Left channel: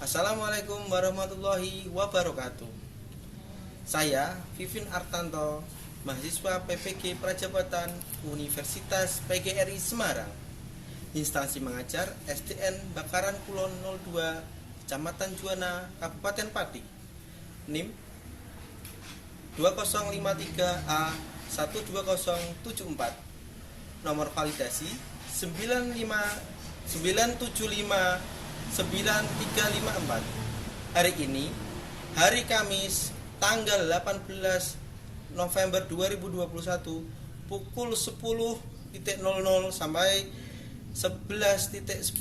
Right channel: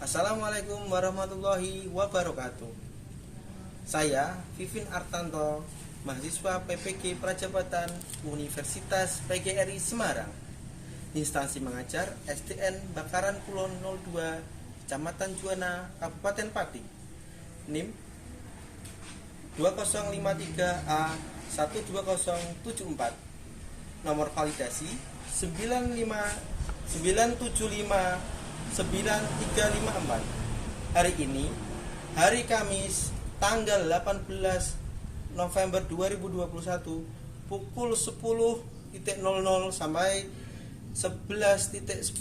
Assalamualaikum warahmatullahi wabarakatuh. Saya Vivin Artanto, mahasiswa PPG Prajabatan Universitas PGRI Semarang. Instansi mengajar SDN Bakaran Kulon 02, Kecamatan Juwana, Kabupaten Pati. NIM 2053A 12074. Nomor validasi 9759759 Hari ini, hari Kamis, tanggal 18 November 2021, pukul 10.00 sampai 11.10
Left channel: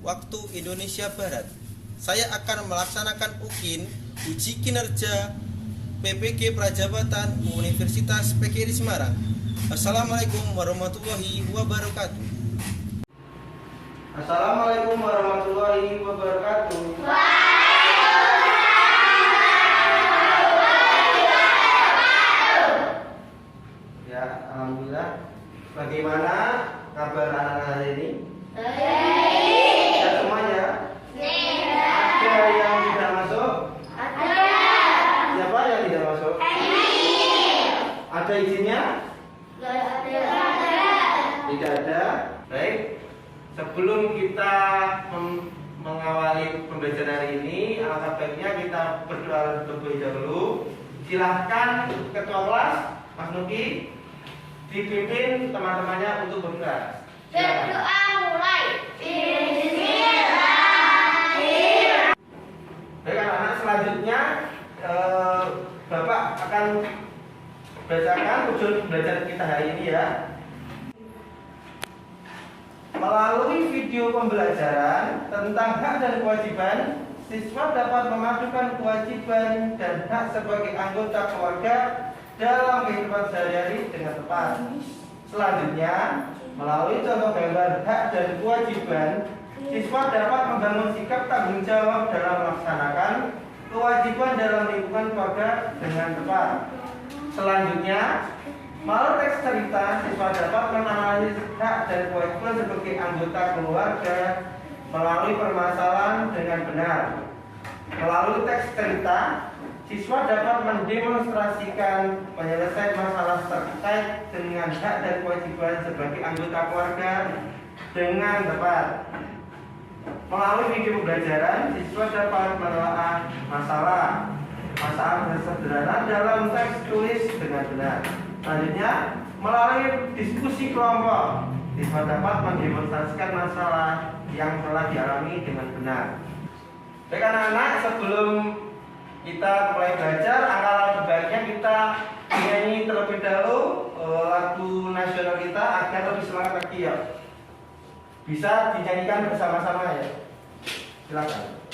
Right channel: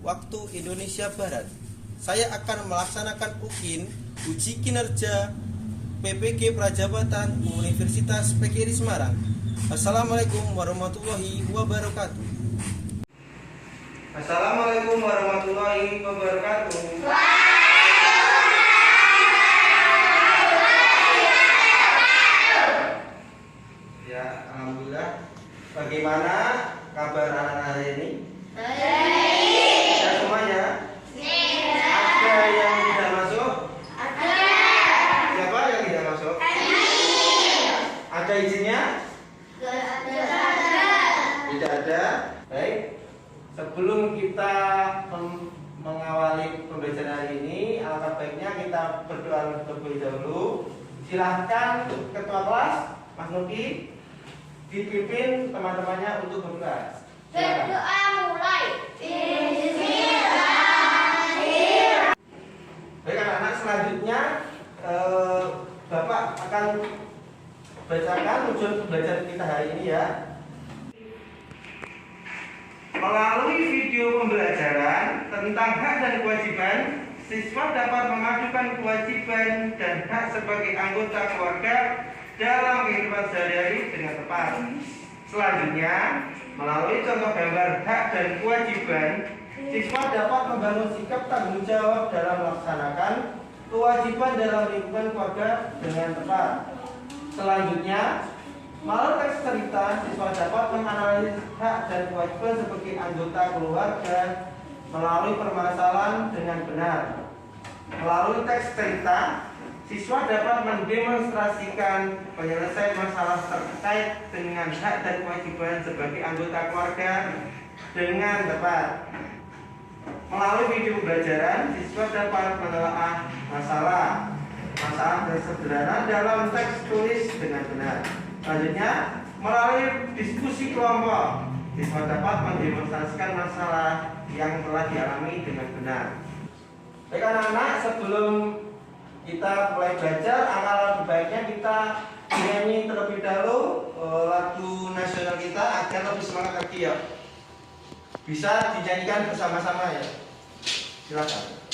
waktu Indonesia Barat. Saya akan melaksanakan uji kinerja PPG Prajabatan Universitas PGRI Semarang. Assalamualaikum warahmatullahi wabarakatuh. Assalamualaikum warahmatullahi wabarakatuh. Ya, alhamdulillah. Bagaimana kabar anak hari ini? Baik. Semuanya? Ada yang tidak masuk? Ada. Siapa yang tidak masuk? Ada izinnya? Tidak ada. Baik. Sebelum kita mengawali pembelajaran hari ini, alangkah baiknya kita berdoa terlebih dahulu. Silahkan Ketua Kelas Mas Nuki dipimpin teman-temannya untuk berdoa. Berdoa mulai. Bismillahirrahmanirrahim. Baik anak-anak, selanjutnya Bapak akan bacakan tujuan pembelajaran kita hari ini ya. Melalui video pembelajaran tentang hak dan kewajiban, siswa dapat memadukan kewajiban dan hak sebagai anggota keluarga dalam kehidupan sehari-hari dengan tepat. Selanjutnya, melalui contoh gambar hak dan kewajiban, siswa dapat membangun sikap tanggung jawab dalam melaksanakan kewajiban dalam lingkungan keluarga dengan tepat. Selanjutnya, melalui teks cerita, siswa dapat menganalisis hak dan kewajiban sebagai anggota keluarga melalui permasalahan dengan benar. Melalui teks cerita, siswa dapat mendemonstrasikan penyelesaian masalah terkait dengan hak dan kewajiban sebagai anggota keluarga dengan tepat. Melalui video pembelajaran, siswa dapat menelaah masalah sederhana dalam teks tulis dengan benar. Selanjutnya, melalui diskusi kelompok, siswa dapat mendemonstrasikan masalah yang telah dialami dengan benar. Baik anak-anak, sebelum kita mulai belajar, alangkah baiknya kita nyanyi terlebih dahulu lagu nasional kita agar lebih semangat lagi ya. Bisa dinyanyikan bersama-sama ya. Silakan.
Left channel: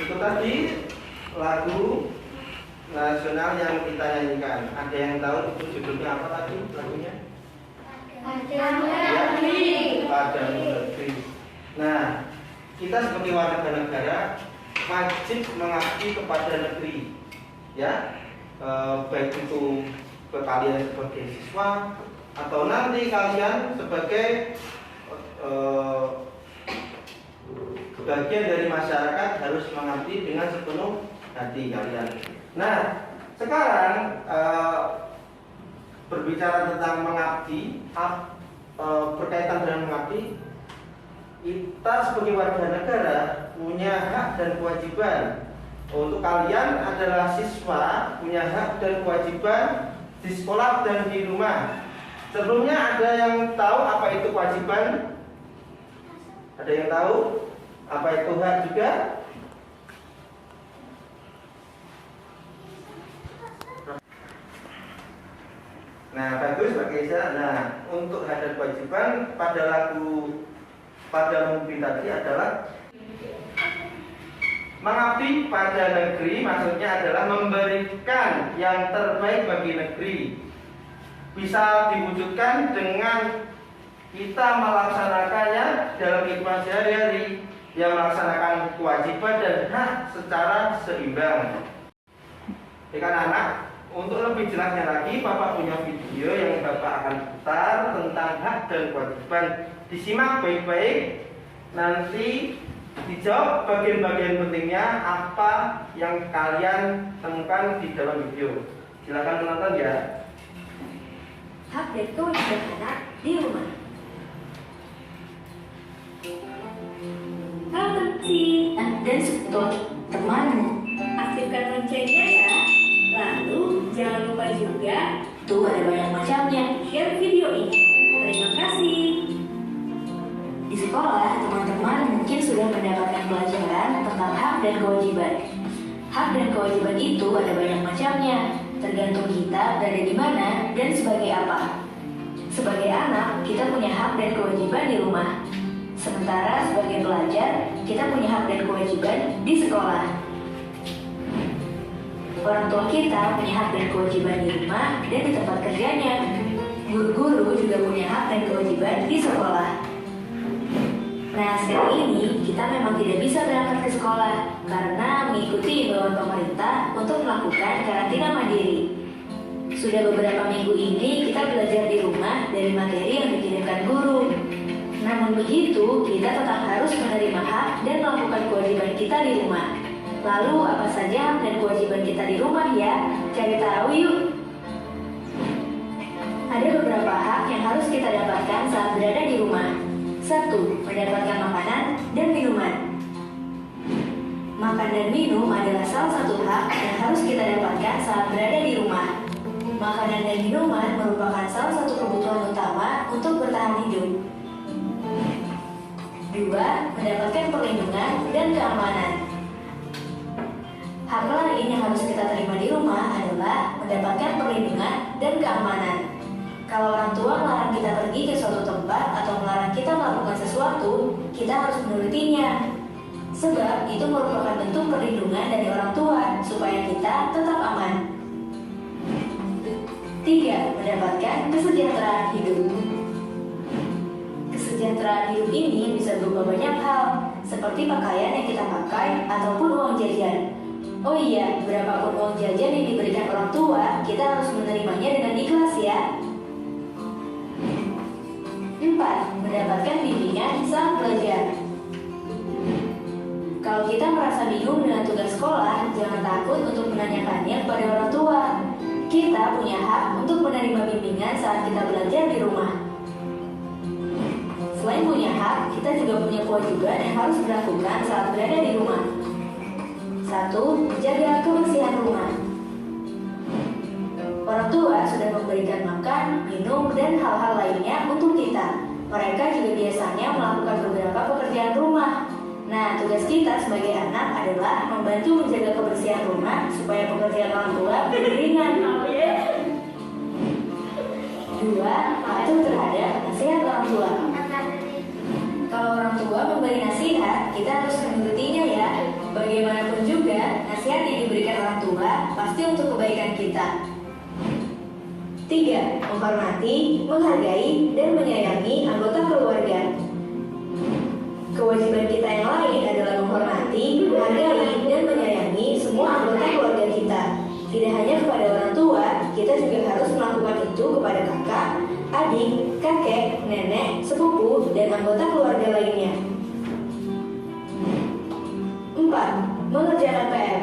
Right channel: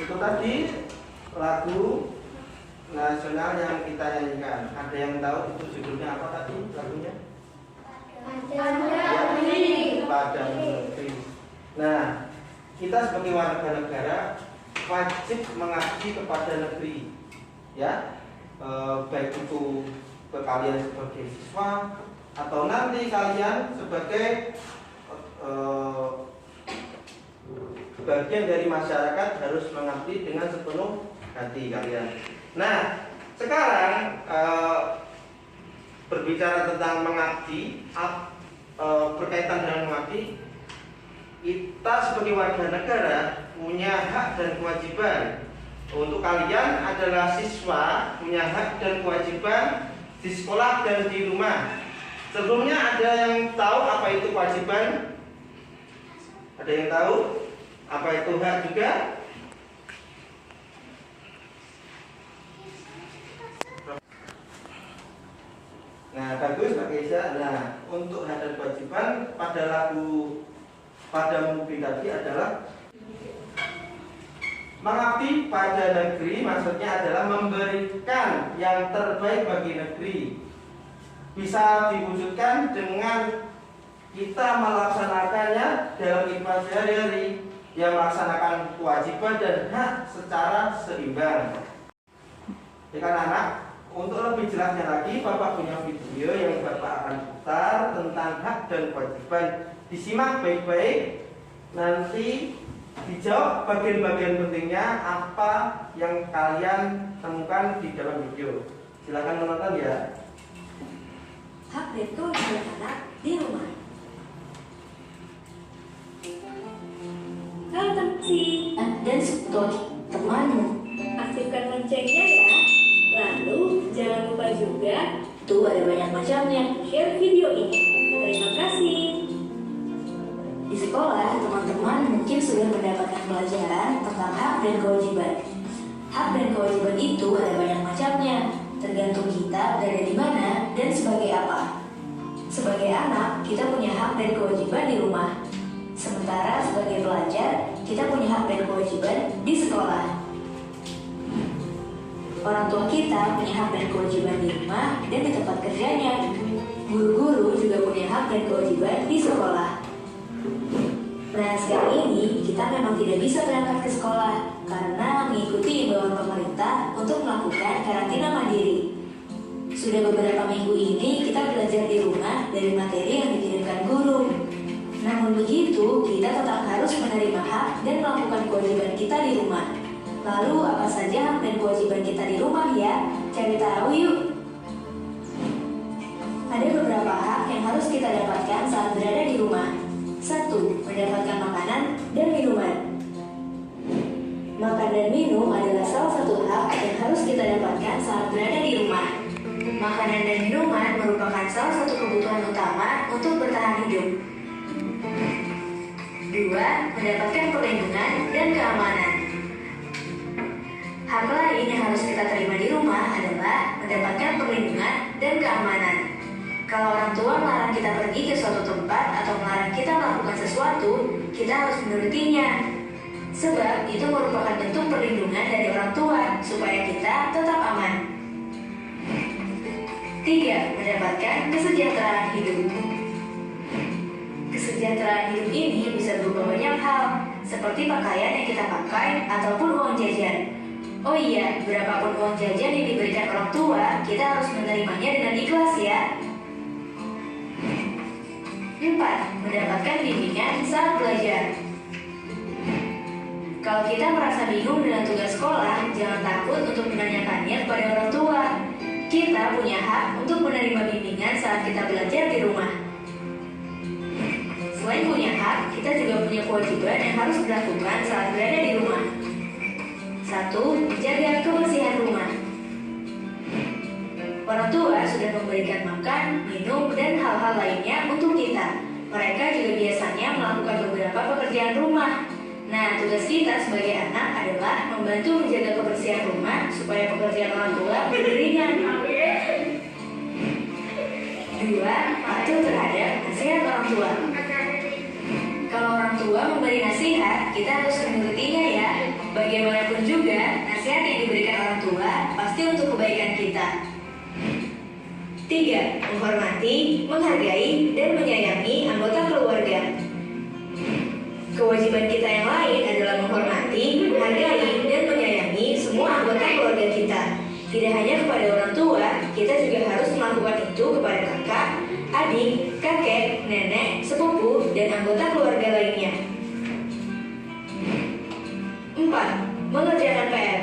Itu tadi lagu nasional yang kita nyanyikan. Ada yang tahu itu judulnya apa tadi lagunya? Padamu Negeri. Nah, kita sebagai warga negara wajib mengabdi kepada negeri, ya, baik itu ke kalian sebagai siswa atau nanti kalian sebagai bagian dari masyarakat harus mengabdi dengan sepenuh hati kalian. Nah, sekarang berbicara tentang mengabdi, berkaitan dengan mengabdi, kita sebagai warga negara punya hak dan kewajiban. Untuk kalian adalah siswa, punya hak dan kewajiban di sekolah dan di rumah. Sebelumnya ada yang tahu apa itu kewajiban? Ada yang tahu apa itu hak juga? Nah, bagus Pak Keisa. Nah, untuk hak dan kewajiban pada lagu pada mungkin tadi adalah mengabdi pada negeri, maksudnya adalah memberikan yang terbaik bagi negeri. Bisa diwujudkan dengan kita melaksanakannya dalam ibadah sehari-hari, yang melaksanakan kewajiban dan hak secara seimbang. Anak-anak, untuk lebih jelasnya lagi, Bapak punya video yang Bapak akan putar tentang hak dan kewajiban. Disimak baik-baik, nanti dijawab bagian-bagian pentingnya apa yang kalian temukan di dalam video. Silakan menonton ya. Hak dan kewajiban anak di rumah. Halo Tensi dan Subtot, temanmu. Aktifkan loncengnya ya. Lalu jangan lupa juga, tuh ada banyak macamnya, share video ini. Terima kasih. Di sekolah, teman-teman mungkin sudah mendapatkan pelajaran tentang hak dan kewajiban. Hak dan kewajiban itu ada banyak macamnya, tergantung kita berada di mana dan sebagai apa. Sebagai anak, kita punya hak dan kewajiban di rumah. Sementara sebagai pelajar, kita punya hak dan kewajiban di sekolah. Orang tua kita punya hak dan kewajiban di rumah dan di tempat kerjanya. Guru-guru juga punya hak dan kewajiban di sekolah. Nah, sekarang ini kita memang tidak bisa berangkat ke sekolah karena mengikuti imbauan pemerintah untuk melakukan karantina mandiri. Sudah beberapa minggu ini kita belajar di rumah dari materi yang dikirimkan guru. Namun begitu, kita tetap harus menerima hak dan melakukan kewajiban kita di rumah. Lalu apa saja hak dan kewajiban kita di rumah ya? Cari tahu yuk. Ada beberapa hak yang harus kita dapatkan saat berada di rumah. 1. Mendapatkan makanan dan minuman. Makan dan minum adalah salah satu hak yang harus kita dapatkan saat berada di rumah. Makanan dan minuman merupakan salah satu kebutuhan utama untuk bertahan hidup. 2. Mendapatkan perlindungan dan keamanan. Hak lain yang harus kita terima di rumah adalah mendapatkan perlindungan dan keamanan. Kalau orang tua melarang kita pergi ke suatu tempat atau melarang kita melakukan sesuatu, kita harus menurutinya. Sebab itu merupakan bentuk perlindungan dari orang tua supaya kita tetap aman. 3. Mendapatkan kesejahteraan hidup. Kesejahteraan hidup ini bisa berupa banyak hal, seperti pakaian yang kita pakai ataupun uang jajan. Oh iya, berapapun uang jajan yang diberikan orang tua, kita harus menerimanya dengan ikhlas ya. 4. Mendapatkan bimbingan saat belajar. Kalau kita merasa bingung dengan tugas sekolah, jangan takut untuk menanyakannya kepada orang tua. Kita punya hak untuk menerima bimbingan saat kita belajar di rumah. Selain punya hak, kita juga punya kewajiban yang harus dilakukan saat berada di rumah. 1. Menjaga kebersihan rumah. Orang tua sudah memberikan makan, minum, dan hal-hal lainnya untuk kita. Mereka juga biasanya melakukan beberapa pekerjaan rumah. Nah, tugas kita sebagai anak adalah membantu menjaga kebersihan rumah supaya pekerjaan orang tua lebih ringan. 2. Patuh terhadap nasihat orang tua. Kalau orang tua memberi nasihat, kita harus menurutinya ya. Bagaimanapun juga, nasihat yang diberikan orang tua pasti untuk kebaikan kita. 3. Menghormati, menghargai, dan menyayangi anggota keluarga. Kewajiban kita yang lain adalah menghormati, menghargai, dan menyayangi semua anggota keluarga kita. Tidak hanya kepada orang tua, kita juga harus melakukan itu kepada kakak, adik, kakek, nenek, sepupu, dan anggota keluarga lainnya. 4. Mengerjakan PR.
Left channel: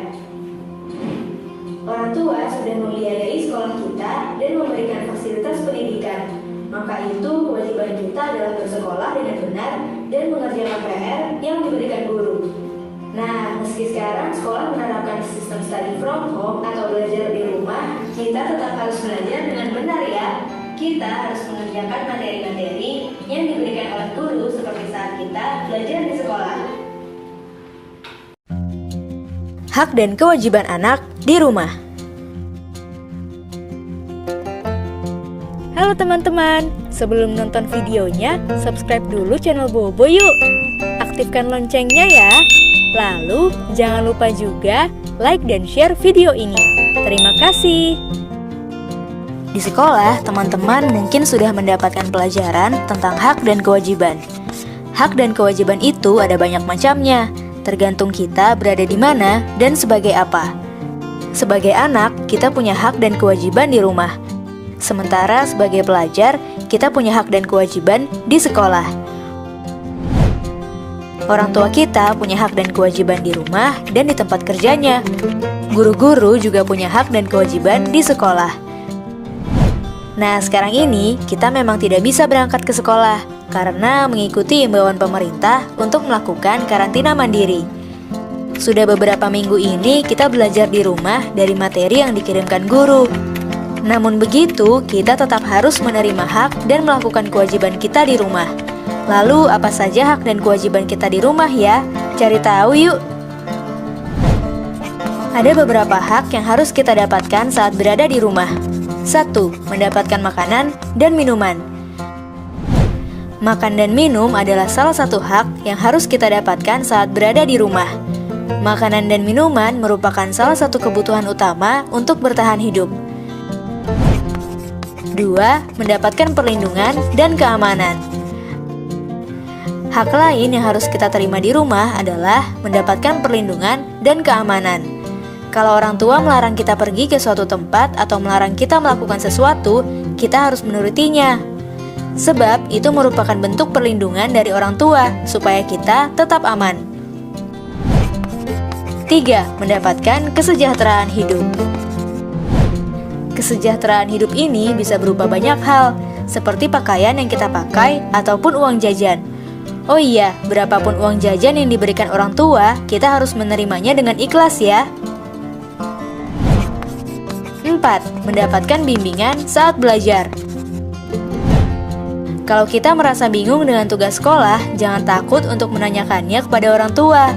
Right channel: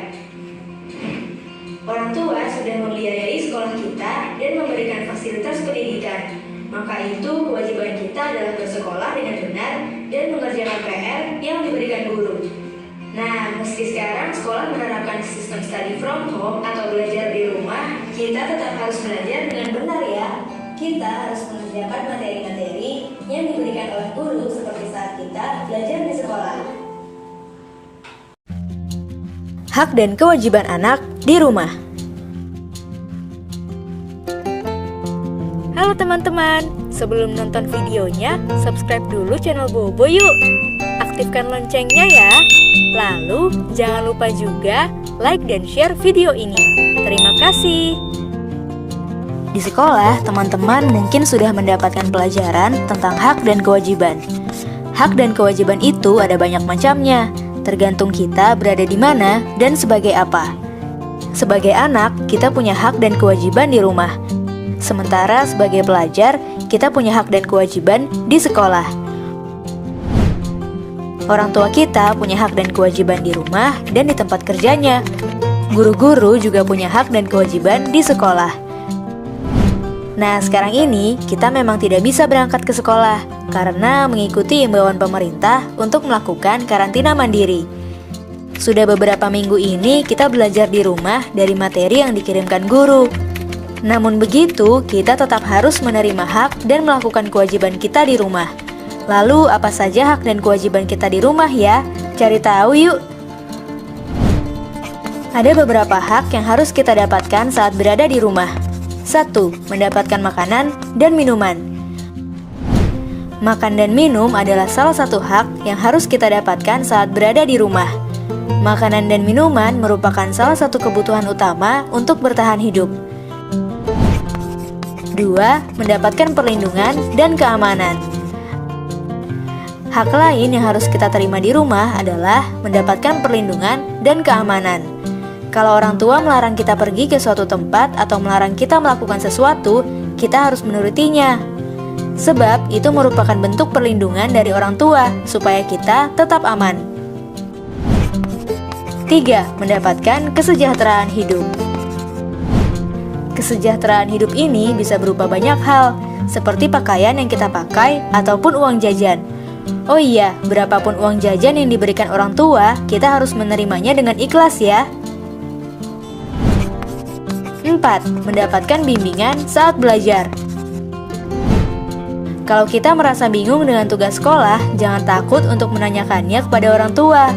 Orang tua sudah membiayai sekolah kita dan memberikan fasilitas pendidikan. Maka itu kewajiban kita adalah bersekolah dengan benar dan mengerjakan Nah, meski sekarang sekolah menerapkan sistem study from home atau belajar di rumah, kita tetap harus belajar dengan benar ya. Kita harus mengerjakan materi-materi yang diberikan oleh guru seperti saat kita belajar di sekolah. Hak dan kewajiban anak di rumah. Halo teman-teman, sebelum nonton videonya, subscribe dulu channel Bobo yuk. Aktifkan loncengnya ya. Lalu, jangan lupa juga like dan share video ini. Terima kasih. Di sekolah, teman-teman mungkin sudah mendapatkan pelajaran tentang hak dan kewajiban. Hak dan kewajiban itu ada banyak macamnya, tergantung kita berada di mana dan sebagai apa. Sebagai anak, kita punya hak dan kewajiban di rumah. Sementara sebagai pelajar, kita punya hak dan kewajiban di sekolah. Orang tua kita punya hak dan kewajiban di rumah dan di tempat kerjanya. Guru-guru juga punya hak dan kewajiban di sekolah. Nah, sekarang ini kita memang tidak bisa berangkat ke sekolah karena mengikuti imbauan pemerintah untuk melakukan karantina mandiri. Sudah beberapa minggu ini kita belajar di rumah dari materi yang dikirimkan guru. Namun begitu, kita tetap harus menerima hak dan melakukan kewajiban kita di rumah. Lalu, apa saja hak dan kewajiban kita di rumah ya? Cari tahu yuk! Ada beberapa hak yang harus kita dapatkan saat berada di rumah. 1. Mendapatkan makanan dan minuman. Makan dan minum adalah salah satu hak yang harus kita dapatkan saat berada di rumah. Makanan dan minuman merupakan salah satu kebutuhan utama untuk bertahan hidup. 2. Mendapatkan perlindungan dan keamanan. Hak lain yang harus kita terima di rumah adalah mendapatkan perlindungan dan keamanan. Kalau orang tua melarang kita pergi ke suatu tempat atau melarang kita melakukan sesuatu, kita harus menurutinya. Sebab itu merupakan bentuk perlindungan dari orang tua supaya kita tetap aman. 3. Mendapatkan kesejahteraan hidup. Kesejahteraan hidup ini bisa berupa banyak hal, seperti pakaian yang kita pakai ataupun uang jajan. Oh iya, berapapun uang jajan yang diberikan orang tua, kita harus menerimanya dengan ikhlas ya. 4. Mendapatkan bimbingan saat belajar. Kalau kita merasa bingung dengan tugas sekolah, jangan takut untuk menanyakannya kepada orang tua.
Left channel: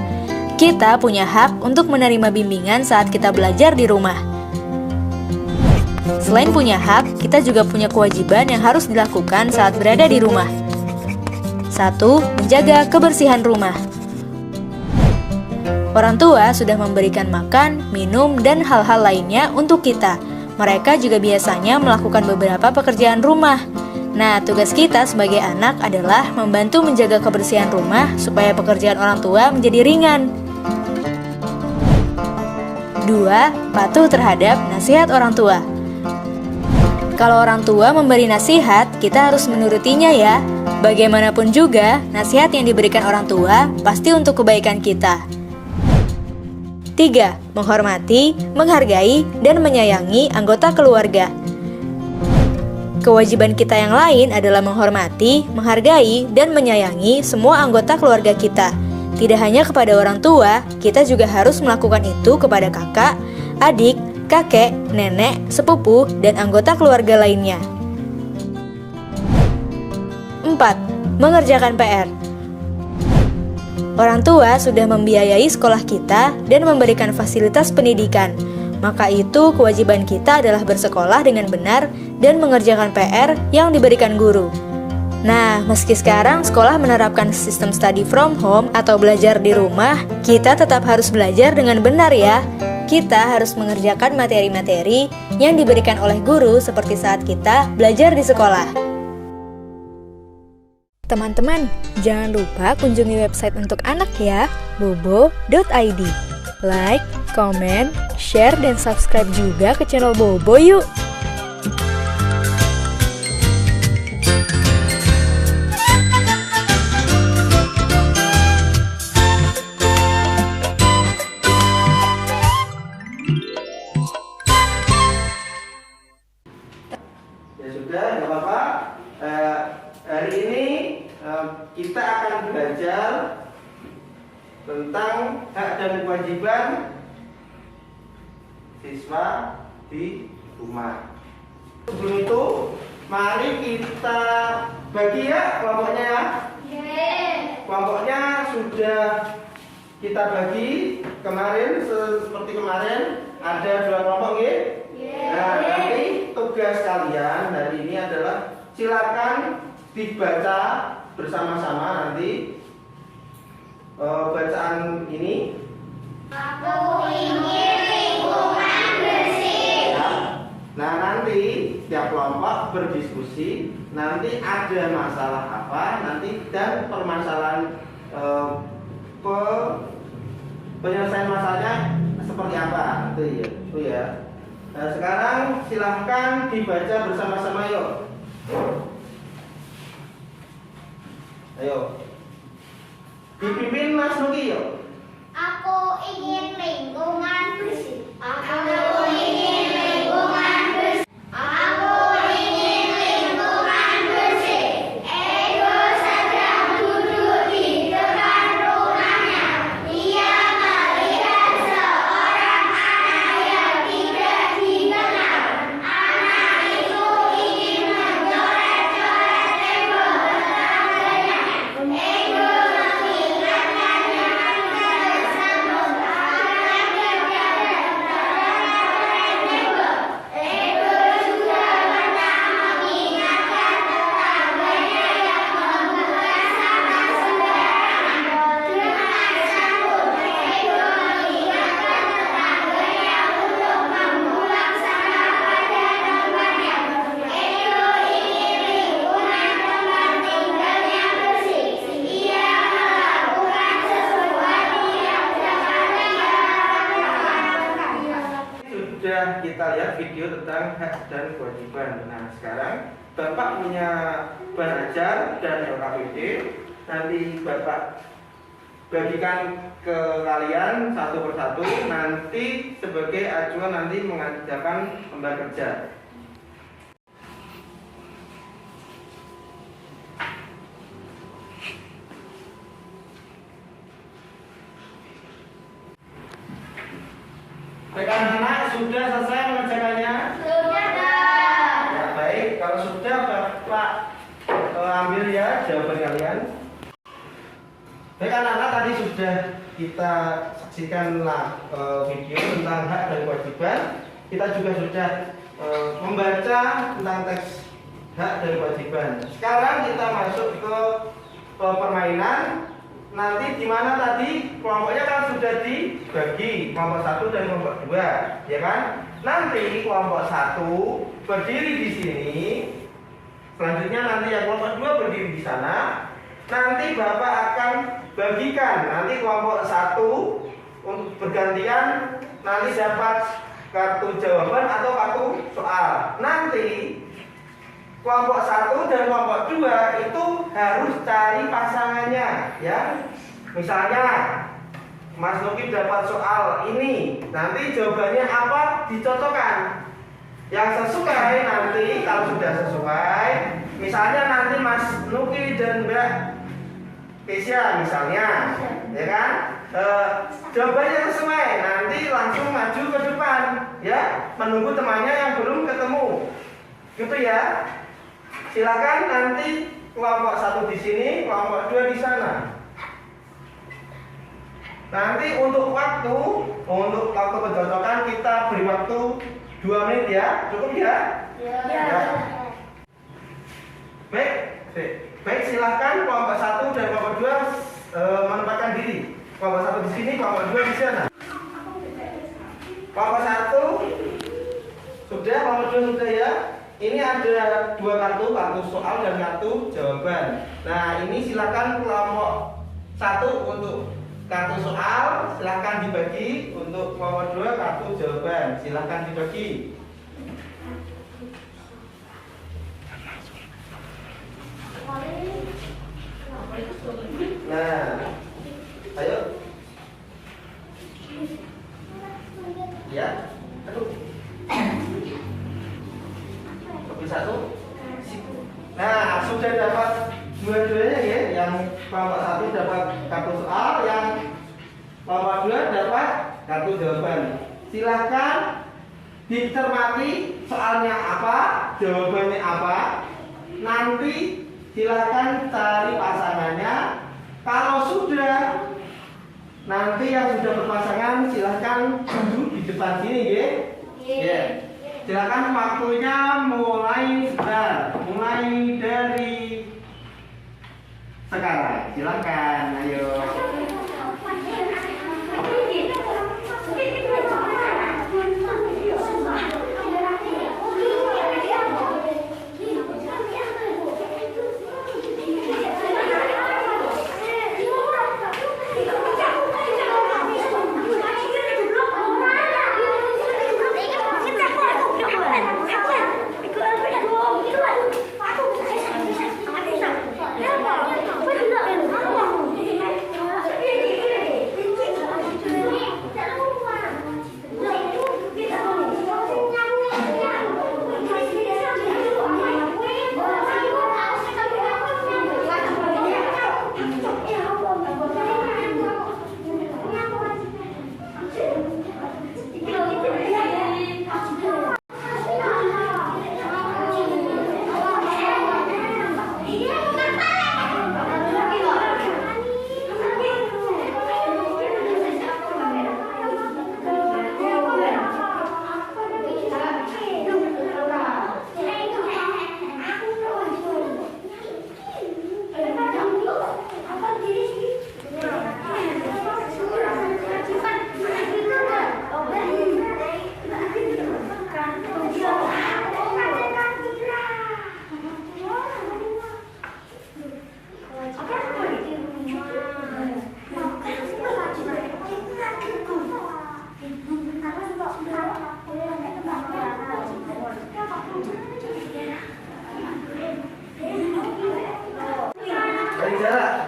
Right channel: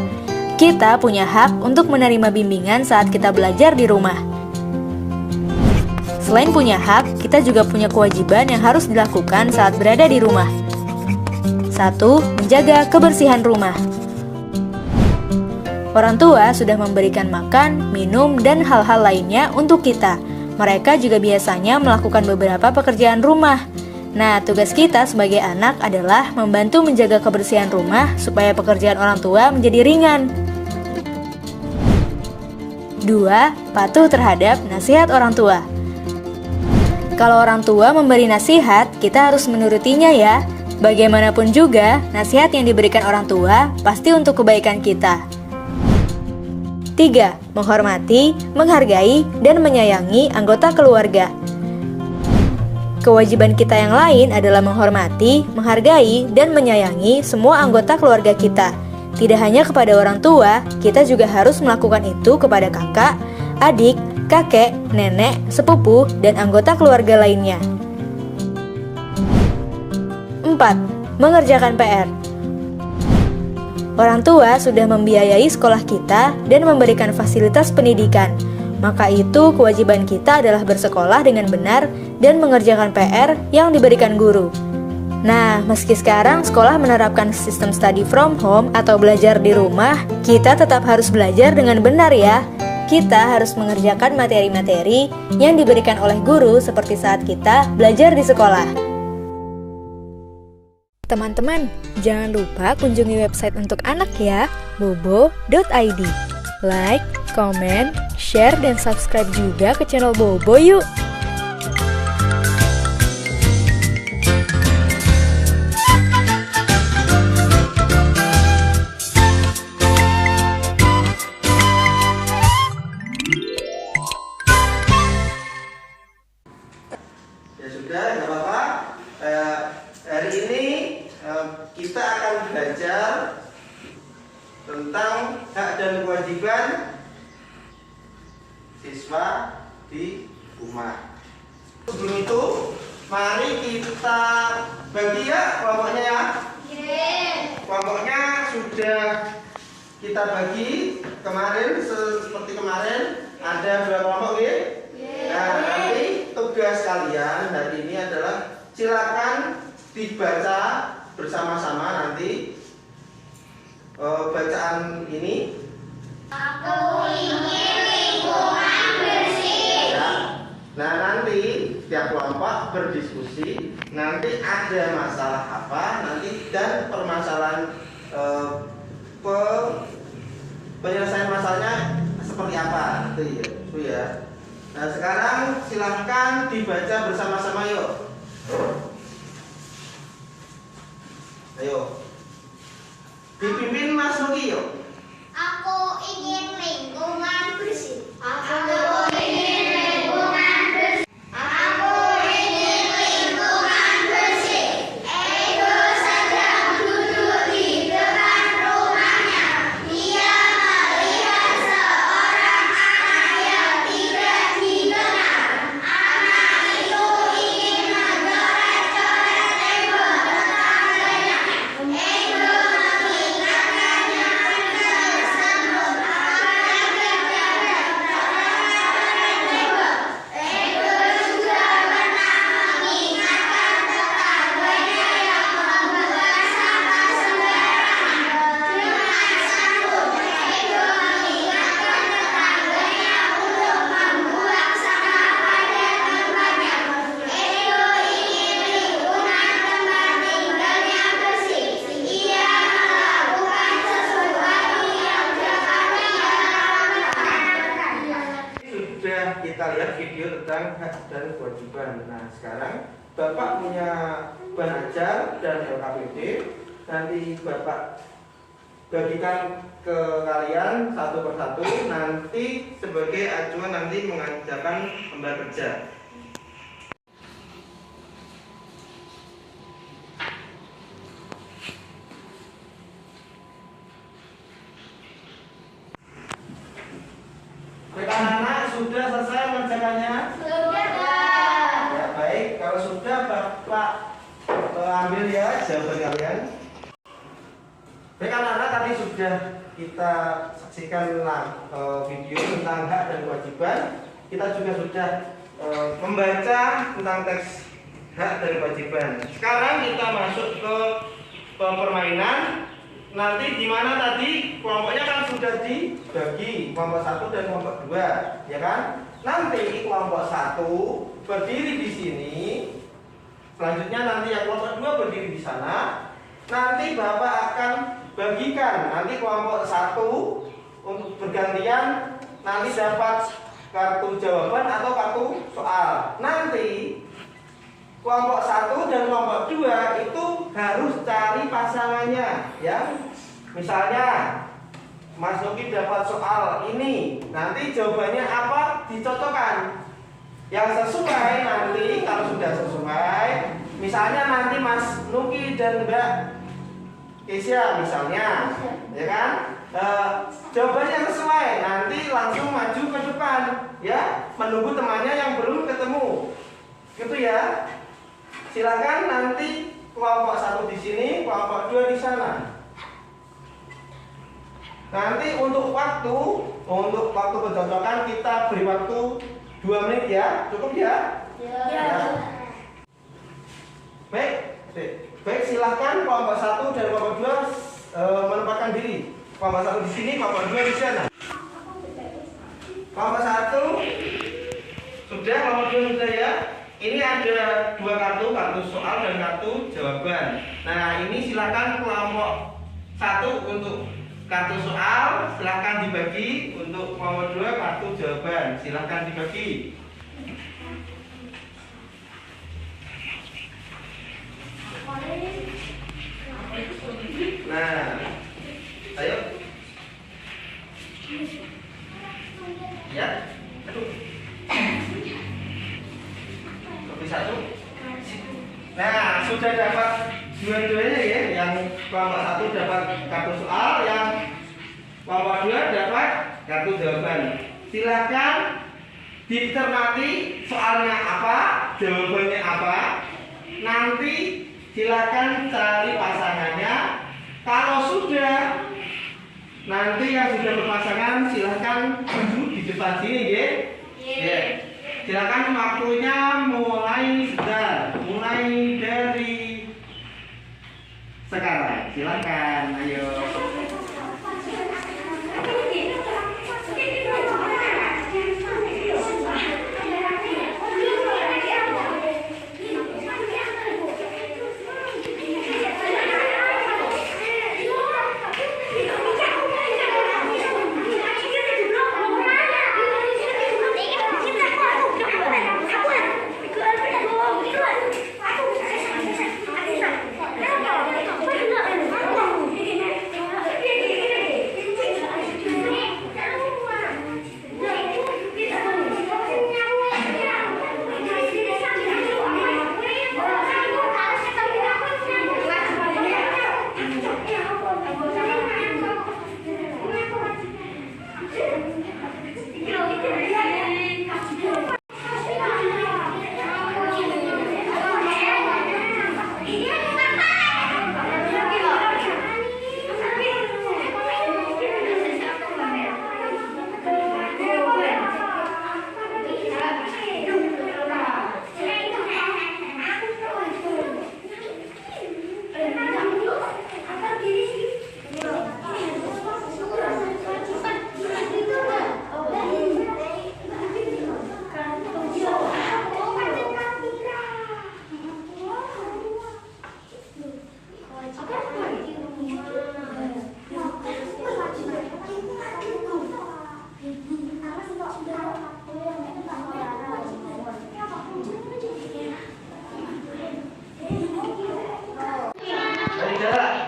Kita punya hak untuk menerima bimbingan saat kita belajar di rumah. Selain punya hak, kita juga punya kewajiban yang harus dilakukan saat berada di rumah. 1. Menjaga kebersihan rumah. Orang tua sudah memberikan makan, minum, dan hal-hal lainnya untuk kita. Mereka juga biasanya melakukan beberapa pekerjaan rumah. Nah, tugas kita sebagai anak adalah membantu menjaga kebersihan rumah supaya pekerjaan orang tua menjadi ringan. 2. Patuh terhadap nasihat orang tua. Kalau orang tua memberi nasihat, kita harus menurutinya ya. Bagaimanapun juga, nasihat yang diberikan orang tua pasti untuk kebaikan kita. 3. Menghormati, menghargai, dan menyayangi anggota keluarga. Kewajiban kita yang lain adalah menghormati, menghargai, dan menyayangi semua anggota keluarga kita. Tidak hanya kepada orang tua, kita juga harus melakukan itu kepada kakak, adik, kakek, nenek, sepupu, dan anggota keluarga lainnya. 4. Mengerjakan PR. Orang tua sudah membiayai sekolah kita dan memberikan fasilitas pendidikan. Maka itu kewajiban kita adalah bersekolah dengan benar dan mengerjakan PR yang diberikan guru. Nah, meski sekarang sekolah menerapkan sistem study from home atau belajar di rumah, kita tetap harus belajar dengan benar ya. Kita harus mengerjakan materi-materi yang diberikan oleh guru seperti saat kita belajar di sekolah. Teman-teman, jangan lupa kunjungi website untuk anak ya, bobo.id. Like, komen, share, dan subscribe juga ke channel Bobo yuk! Ya sudah, nggak apa-apa. Hari ini kita akan belajar tentang hak dan kewajiban siswa di rumah. Sebelum itu, mari kita bagi ya kelompoknya ya. Kelompoknya sudah kita bagi kemarin, seperti kemarin ada 2 kelompok ya. Nah, nanti tugas kalian hari ini adalah silakan dibaca bersama-sama nanti bacaan ini. Aku ingin lingkungan bersih. Ya. Nah, nanti tiap kelompok berdiskusi, nanti ada masalah apa nanti dan permasalahan penyelesaian masalahnya seperti apa itu ya. Nah, sekarang silahkan dibaca bersama-sama yuk. Ayo. Dipimpin Mas Nuki yuk. Aku ingin lingkungan bersih. Aku ingin lingkungan bersih. Aku ingin lingkungan bersih. Ego sedang duduk di depan rumahnya. Dia melihat seorang anak yang tidak dikenal. Anak itu ingin mencoret-coret tembok tetangganya. Ego mengingatkannya tersebut. Ego juga pernah mengingatkan tetangganya yang membuang sampah sembarangan. Dengan sanggup, Ego mengingatkan tetangganya untuk membuang sampah pada tempatnya. Ego ingin lingkungan tempat tinggalnya bersih. Ia melakukan sesuatu yang dapat Sudah kita lihat video tentang hak dan kewajiban. Nah, sekarang Bapak punya ban ajar dan LKPD. Nanti Bapak bagikan ke kalian satu persatu. Nanti sebagai acuan nanti mengajarkan lembar kerja. Baik anak-anak, sudah selesai mengerjakannya? Ya, baik, kalau sudah Bapak ambil ya jawaban kalian. Baik anak-anak, tadi sudah kita saksikan video tentang hak dan kewajiban. Kita juga sudah membaca tentang teks hak dan kewajiban. Sekarang kita masuk ke permainan. Nanti di mana tadi kelompoknya kan sudah dibagi kelompok 1 dan kelompok 2, ya kan? Nanti kelompok 1 berdiri di sini. Selanjutnya nanti yang kelompok 2 berdiri di sana. Nanti Bapak akan bagikan nanti kelompok 1 untuk bergantian nanti dapat kartu jawaban atau kartu soal. Nanti kelompok 1 dan kelompok 2 itu harus cari pasangannya ya. Misalnya Mas Nuki dapat soal ini, nanti jawabannya apa dicocokkan. Yang sesuai nanti kalau sudah sesuai, misalnya nanti Mas Nuki dan Mbak Kesia misalnya, ya kan? Jawabannya sesuai, nanti langsung maju ke depan ya, menunggu temannya yang belum ketemu. Gitu ya. Silakan nanti kelompok 1 di sini, kelompok 2 di sana. Nanti untuk waktu pencocokan kita beri waktu 2 menit ya, cukup ya? Ya. Baik, silakan kelompok 1 dan kelompok 2 menempatkan diri. Kelompok 1 di sini, kelompok 2 di sana. Kelompok 1 sudah, kelompok 2 sudah ya. Ini ada 2 kartu soal dan kartu jawaban. Nah, ini silakan kelompok 1 untuk kartu soal, silakan dibagi. Untuk kelompok 2 kartu jawaban, silakan dibagi. Nah, ayo. Ya, aduh. Satu. Nah, sudah dapat dua-duanya ya. Yang kelompok 1 dapat kartu soal, yang Kelompok 2 dapat kartu jawaban. Silakan dicermati soalnya apa, jawabannya apa. Nanti silakan cari pasangannya. Kalau sudah, nanti yang sudah berpasangan silakan duduk di depan sini, ya. Yeah. Silakan waktunya mulai dari sekarang. Silakan, ayo.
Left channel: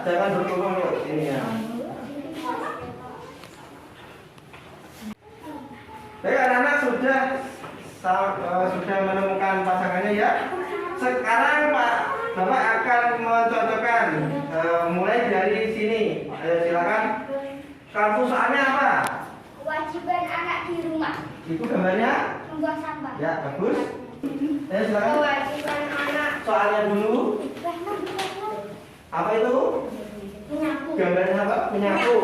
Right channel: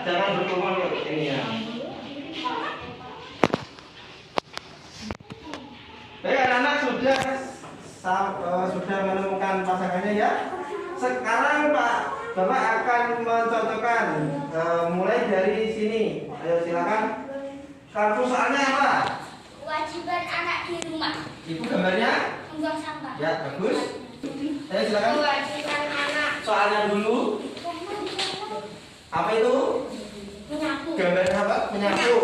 Jangan berkerumun yuk, ini ya. Baik, anak-anak sudah menemukan pasangannya ya. Sekarang Bapak akan mencocokkan mulai dari sini. Silakan. Kartu soalnya apa? Kewajiban anak di rumah. Itu gambarnya? Membuang sampah. Ya, bagus. Silakan. Kewajiban anak Soalnya dulu. Apa itu? menyapu. Gambarnya apa? Menyapu.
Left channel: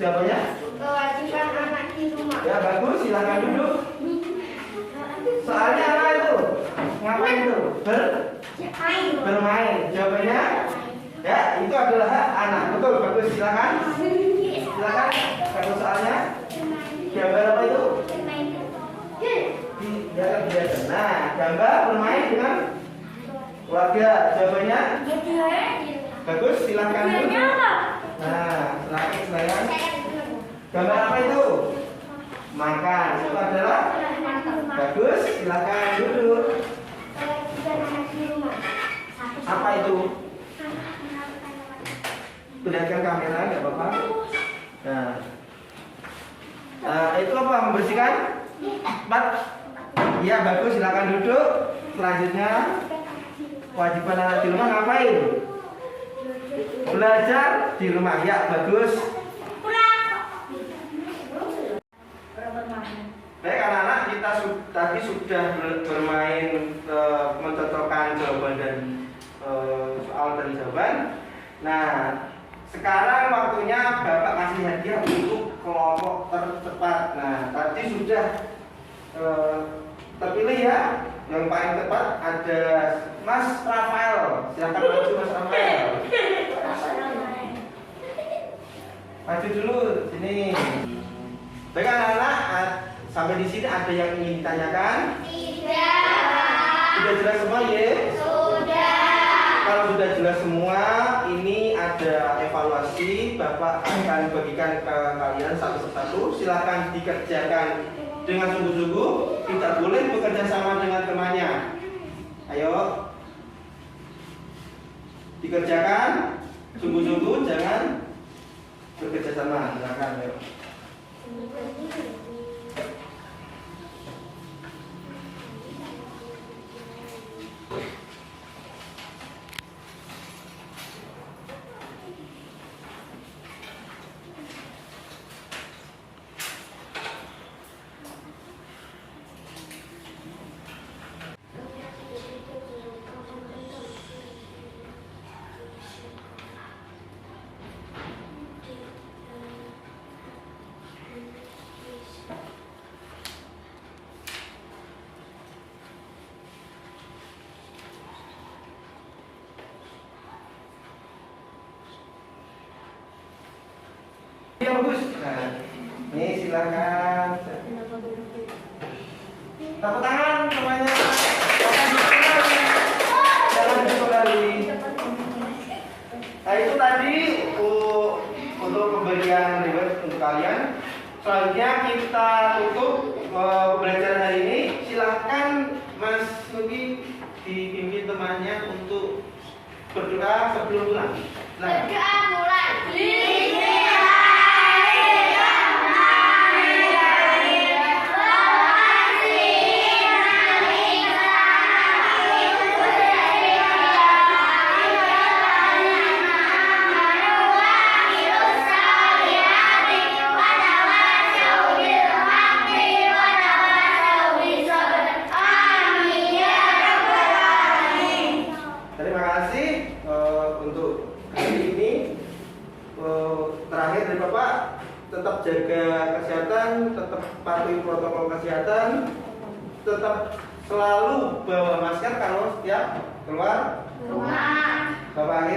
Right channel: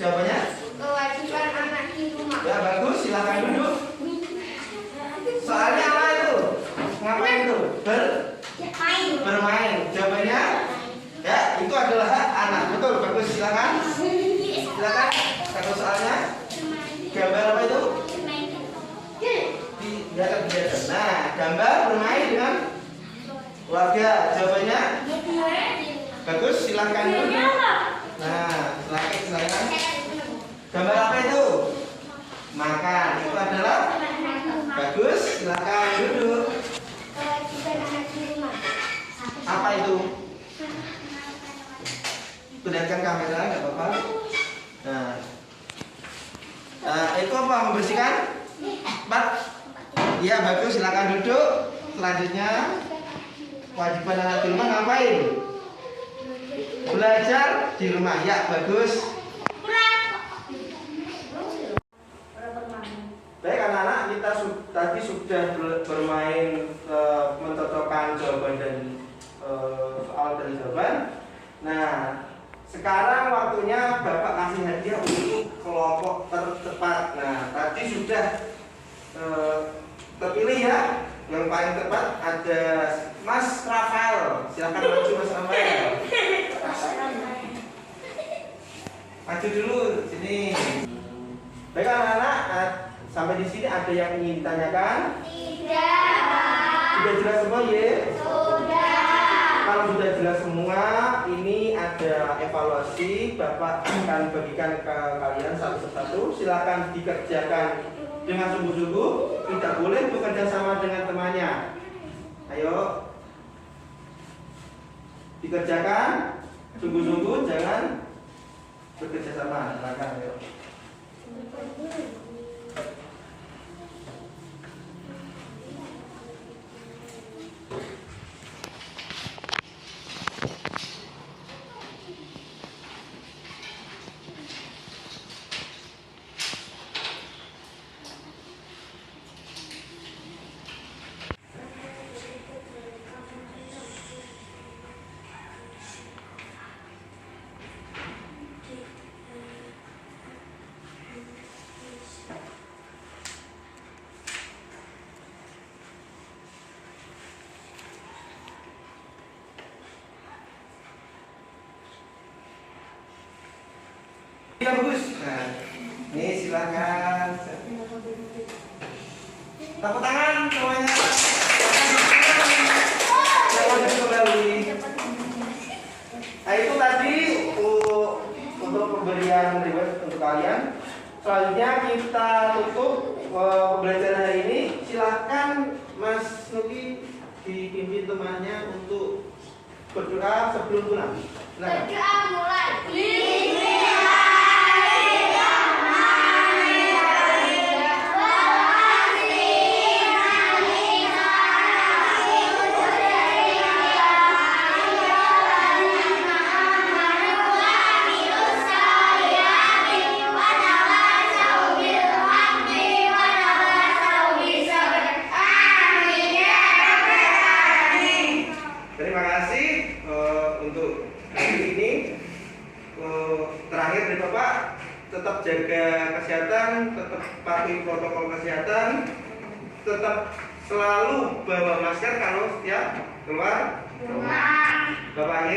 Jawabannya? Kewajiban anak di rumah. Ya, bagus. Silakan duduk. Soalnya apa itu? Ngapain itu? Bermain. Jawabannya? Ya, itu adalah hak anak. Betul, bagus. Silakan. Silakan. Kartu soalnya. Gambar apa itu? Tidak terbiasa. Nah, gambar bermain dengan keluarga. Jawabannya? Bagus. Silakan duduk. Nah, silakan. Gambar apa itu? Makan. Itu adalah bagus. Silakan duduk. Kewajiban anak di rumah. Apa itu? Perlihatkan kamera, nggak apa-apa. Nah, itu apa? Membersihkan? Iya, bagus. Silakan duduk. Selanjutnya, kewajiban anak di rumah ngapain? Belajar di rumah. Ya, bagus. Baik anak-anak, kita tadi sudah bermain mencocokkan jawaban dan soal dan jawaban. Nah, sekarang waktunya Bapak kasih hadiah untuk kelompok tercepat. Nah, tadi sudah terpilih ya. Yang paling tepat ada Mas Rafael. Silakan maju Mas Rafael. Maju dulu sini. Baik anak-anak, sampai di sini ada yang ingin ditanyakan? Tidak. Sudah jelas semua ya? Sudah. Kalau sudah jelas semua, ini ada evaluasi. Bapak akan bagikan ke kalian satu persatu. Silakan dikerjakan dengan sungguh-sungguh. Tidak boleh bekerja sama dengan temannya. Ayo, dikerjakan sungguh-sungguh, jangan bekerja sama. Silakan. Ayo. Ya bagus. Nah, ini silakan. Tepuk tangan semuanya. Jangan kembali. Nah itu tadi untuk pemberian reward untuk kalian. Selanjutnya kita tutup pembelajaran hari ini. Silahkan Mas Nugi dipimpin temannya untuk berdoa sebelum pulang. Nah. Berdoa mulai. Terima kasih untuk hari ini. Terakhir dari Bapak, tetap jaga kesehatan, tetap patuhi protokol kesehatan, tetap selalu bawa masker kalau setiap keluar rumah. Bapak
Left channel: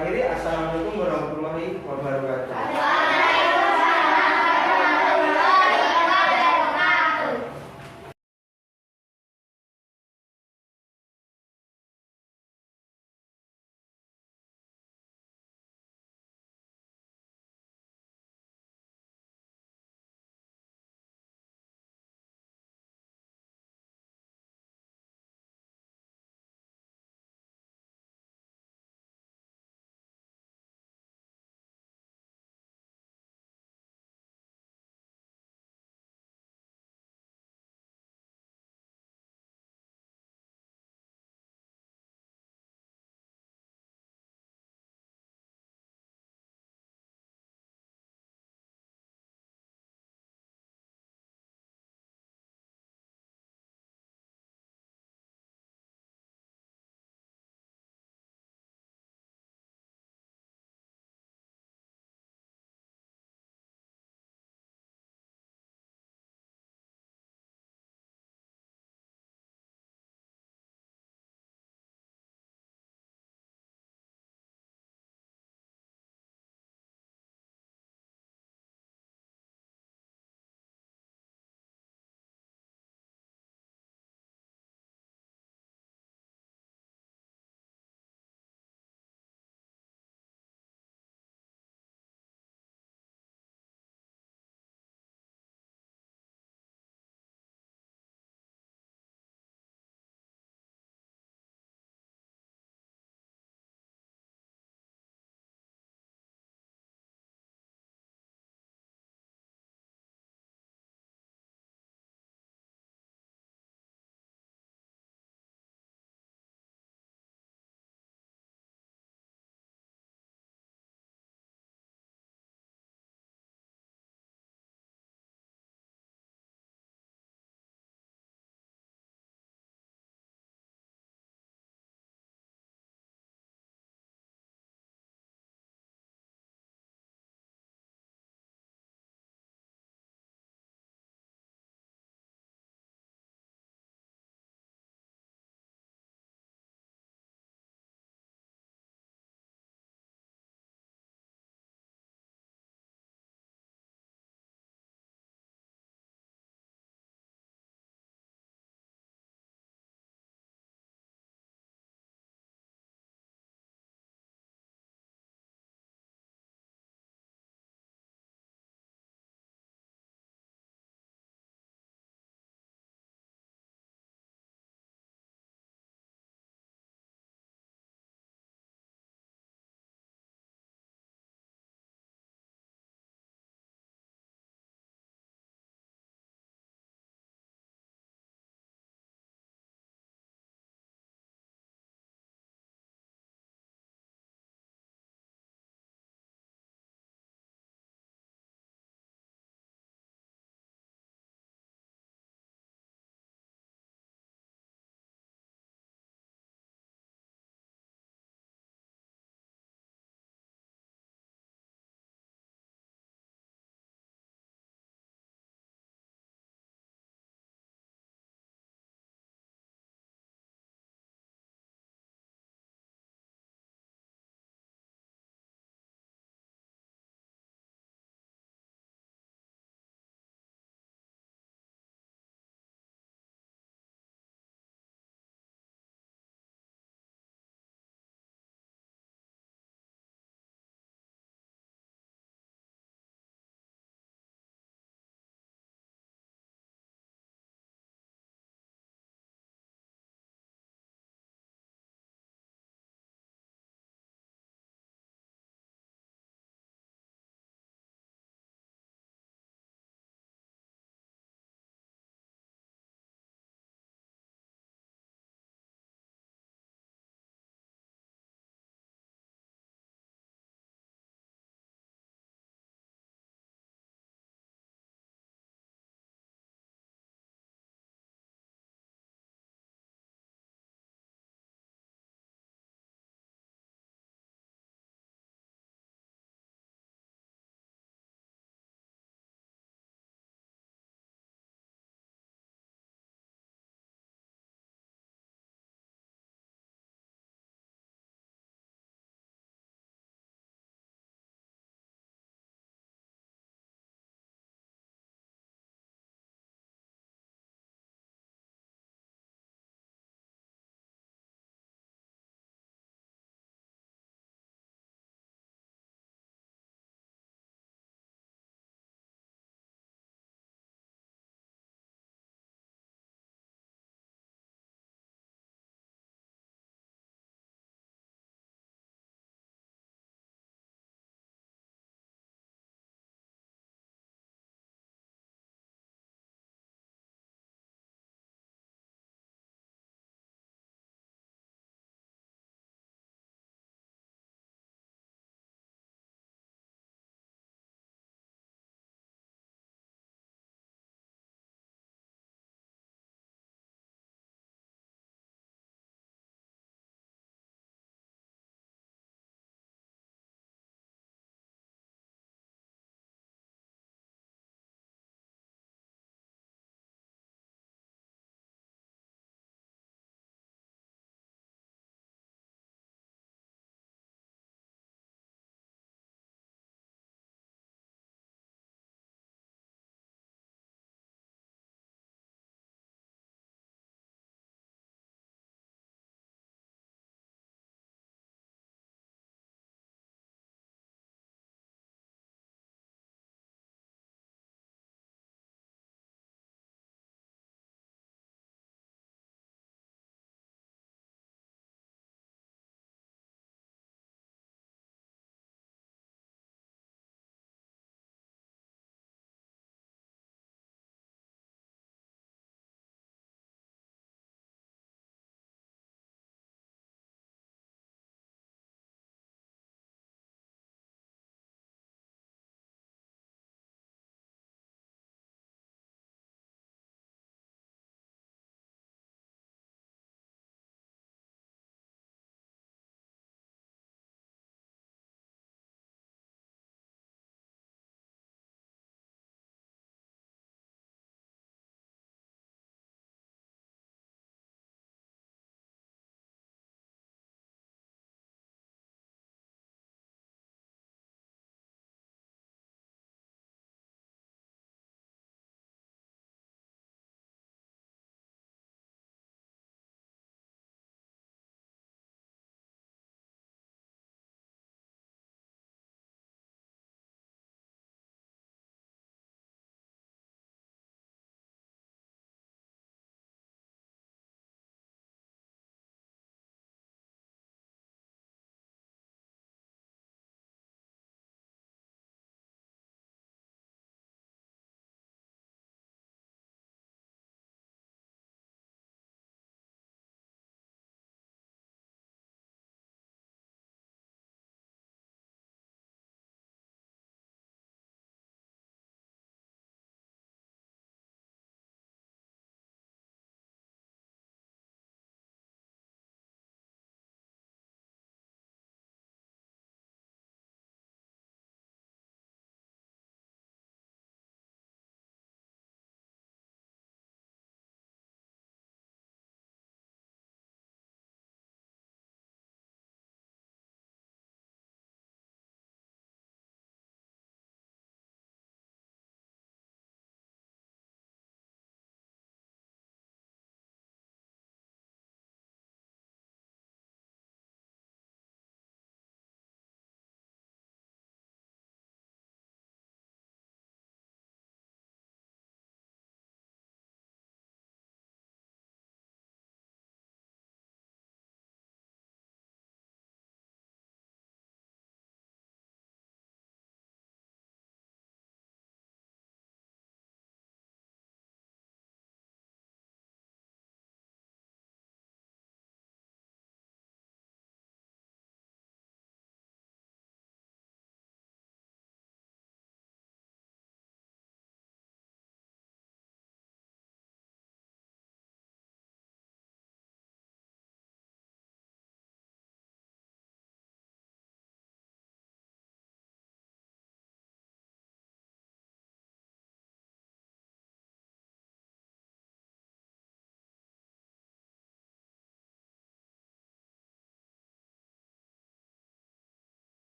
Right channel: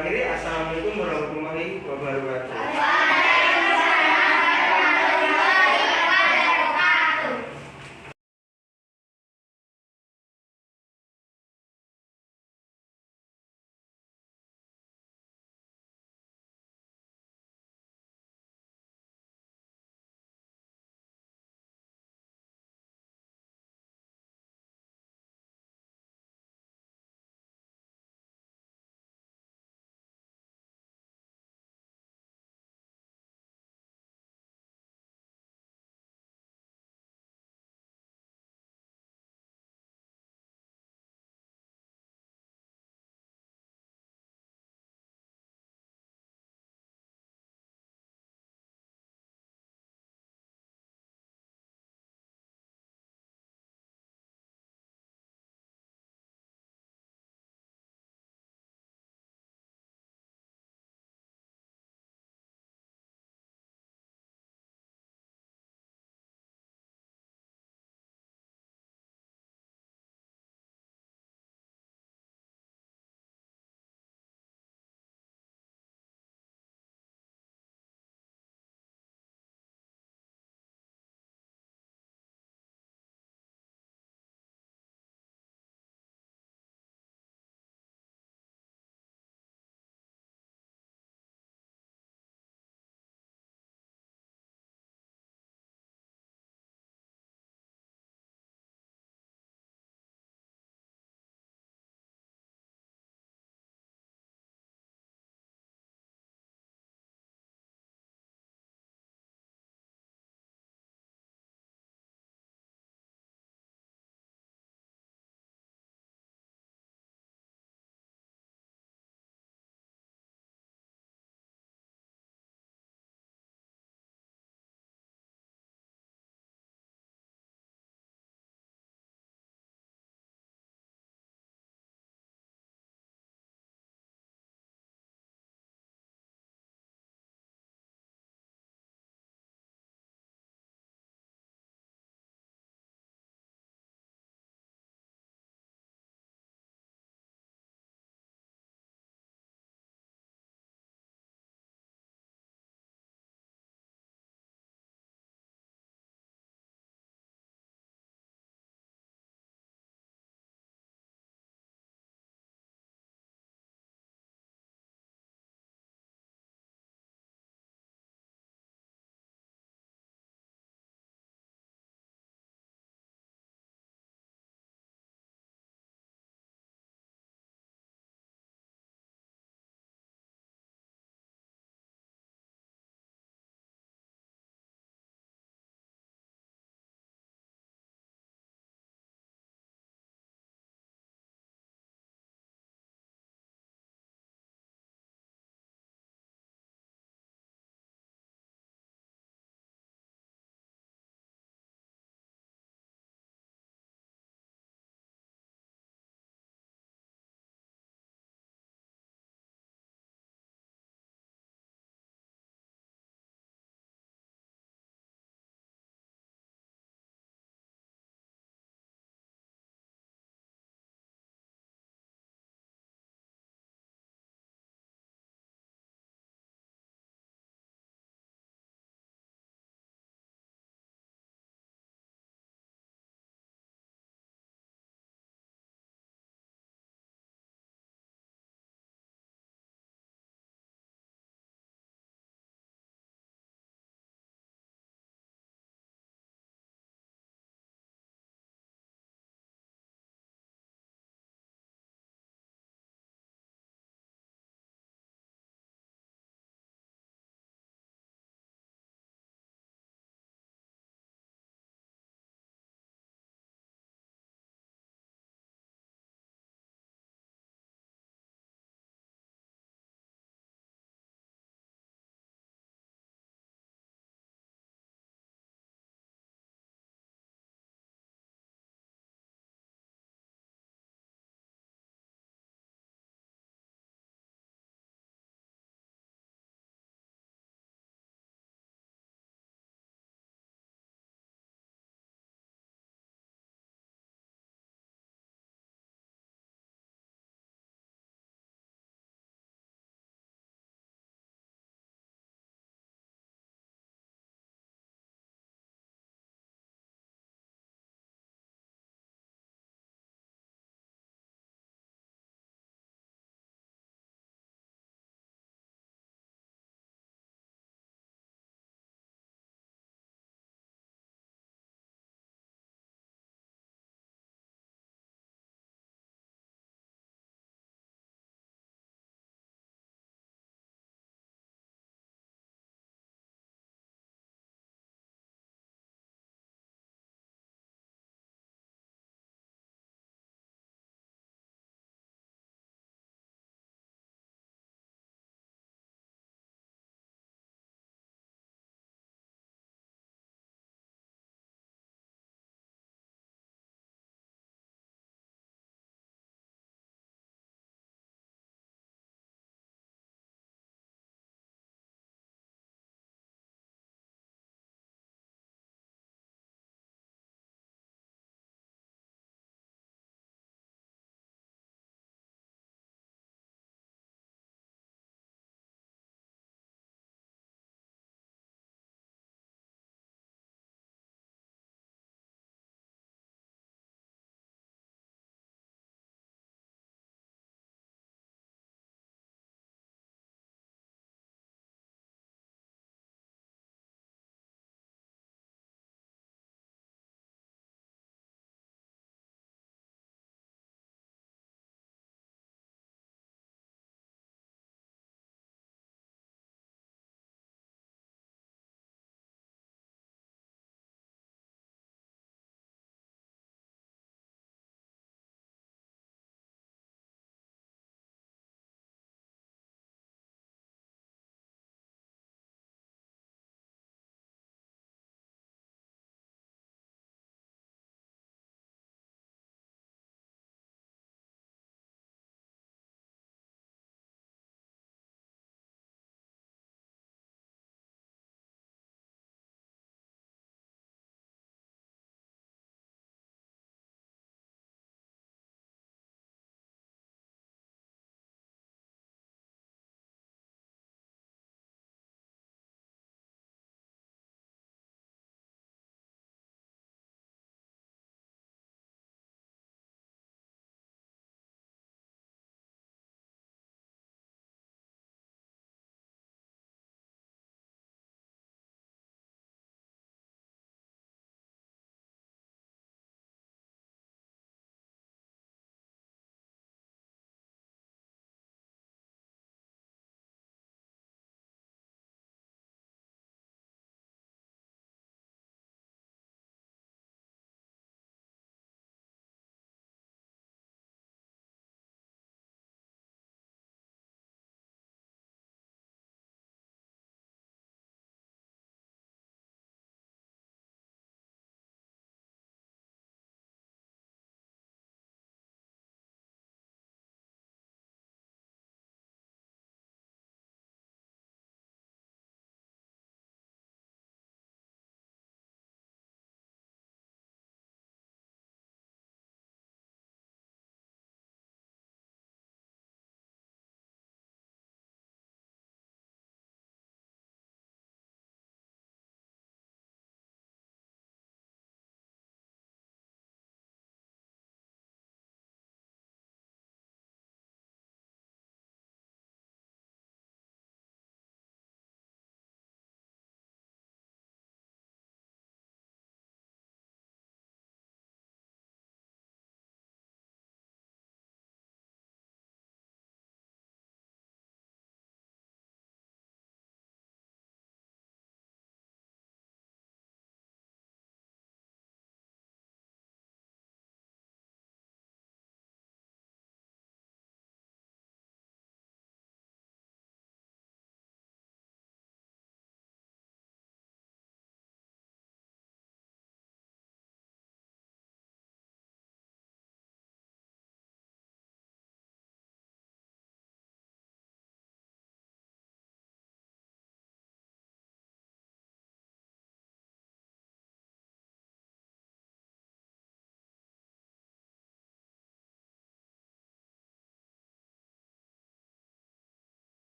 akhiri, assalamualaikum warahmatullahi wabarakatuh.